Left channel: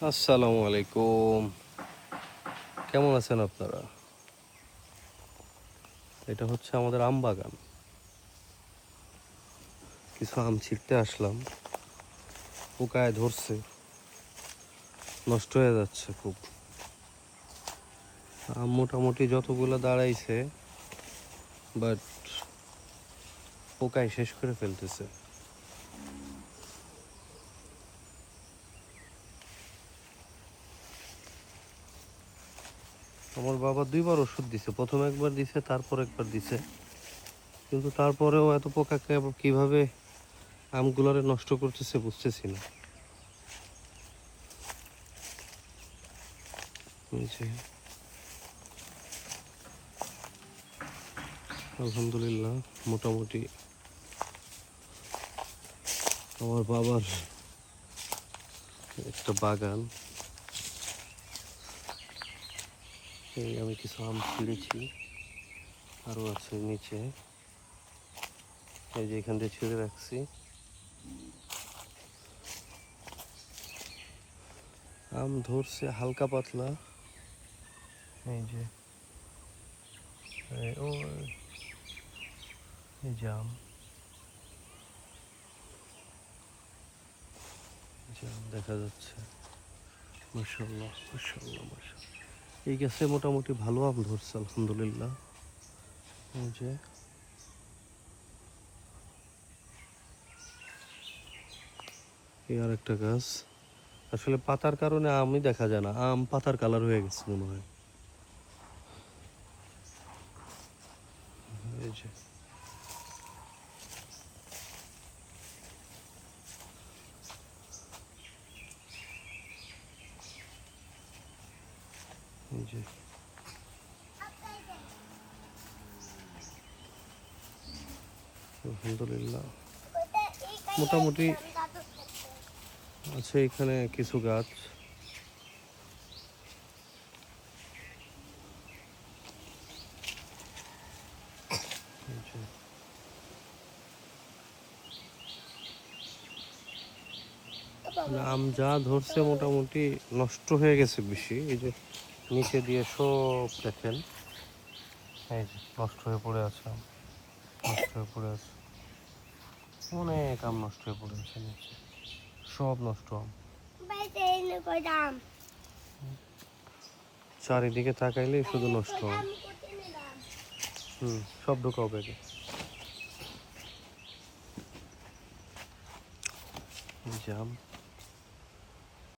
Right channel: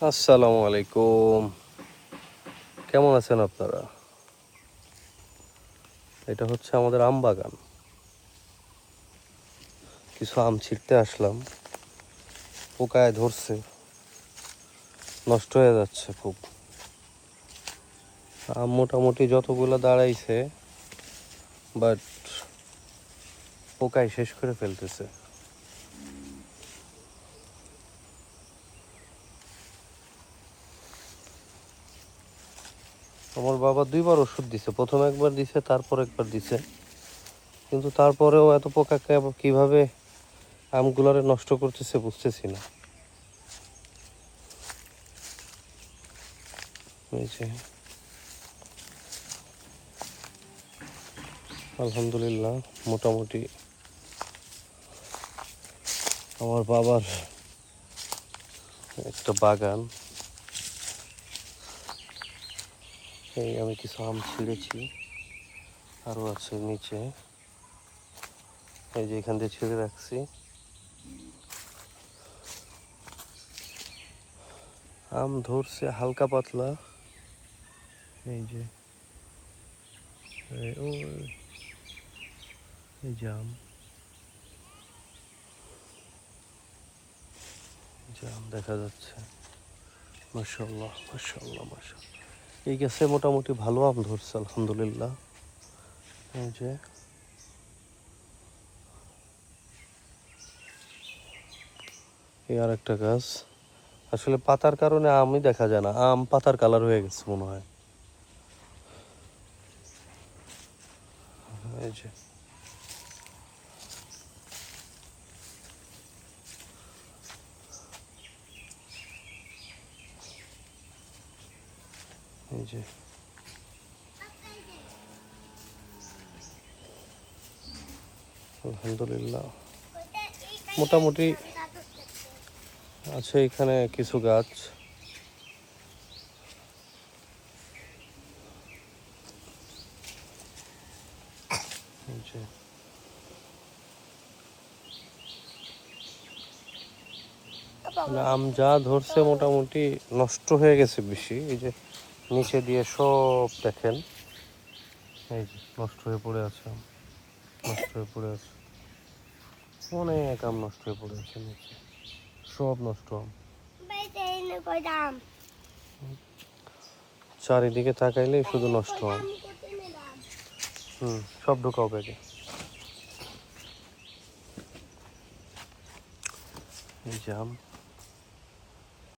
আসসালামু আলাইকুম। কেমন আছেন আপনারা? এটা হচ্ছে আমাদের আম বাগান। কিছু আম ছিঁড়তে আসলাম, পোকায় ধরছে, নষ্ট হয়ে যাচ্ছে খুব। আম মোটামুটি যতগুলো দাঁড়াইছে, বাট পোকায় শেষ করে ফেলতেছে। আমার বাবা 2বার ওষুধ দিছে, প্রথম একবার দিছে, তারপর একবার দিছে, কিন্তু তারপরেও এত পোকাকে আবার কিভাবে আমগুলারে নষ্ট করতেছে বুঝতেছি না। এই যে, আলহামদুলিল্লাহ মোটামুটি আমার বাবার একটা বাগান। এই আমি কিছু আম ছিঁড়েছি, আরও আছে নিচে। এই যে এখান দিয়ে ছিঁড়ে রাখছি। আম ধরছে হালকা পাতলা। এই যে এই যে আম দেখা যাচ্ছে। মাশাআল্লাহ মাশাআল্লাহ মাশাআল্লাহ। এই গাছে মোটামুটি ভালো আম ধরছে আলহামদুলিল্লাহ। এই যে এই আর একটা গাছ। আসলে পাতার কারণে আমই দেখা যায় না, আম পাতার কালার হয়ে গেছে মনে হয়। এই যে এই যে আলহামদুলিল্লাহ মোটামুটি আছে এখানে কিছু গাছ। এই যে আম যা ধরছে মোটামুটি নষ্ট হয়ে গেছে বেশি। এই যে নিচে দিয়ে সব দেখেন, এই যে নষ্ট হয়ে পড়ে আছে, নষ্ট হয়ে পড়ে আছে, অনেক আম নষ্ট হয়ে পড়ে আছে নিচে, সব নষ্ট হয়। চারিদিকে তাকাইলেই শুধু নষ্ট হয়। সব ঢুকাও ব্যাগে। এই যে আম।